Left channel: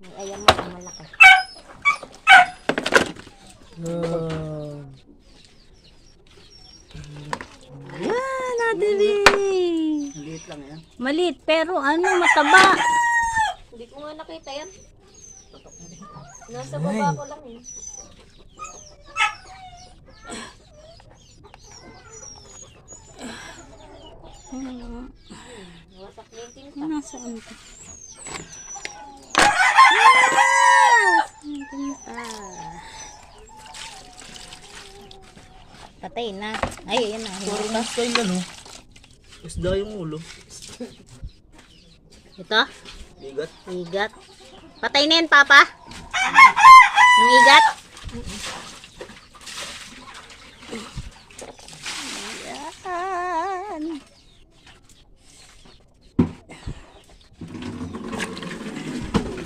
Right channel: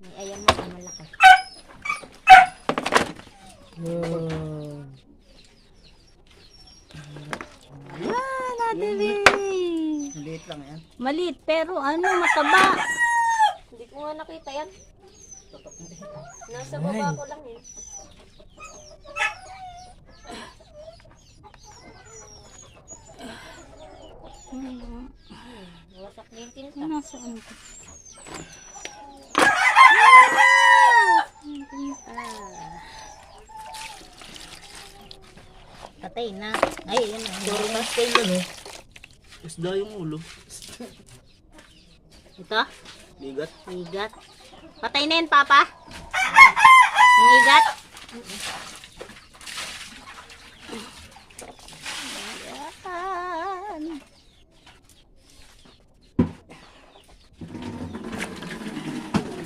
May ayam mo na malaki. Nadali. Liit lang yan. Maliit pero ano, mataba. Hindi ko nga nakita yan. Nasa baba ko lang eh. Wasak na yung tinta. Nasaan ito? Patay na. Ay, yan na. Puro nasa yung ano. Isda yung ulo. Ito? Bigat. Igat. Patay na yan, Papa. Ang igat?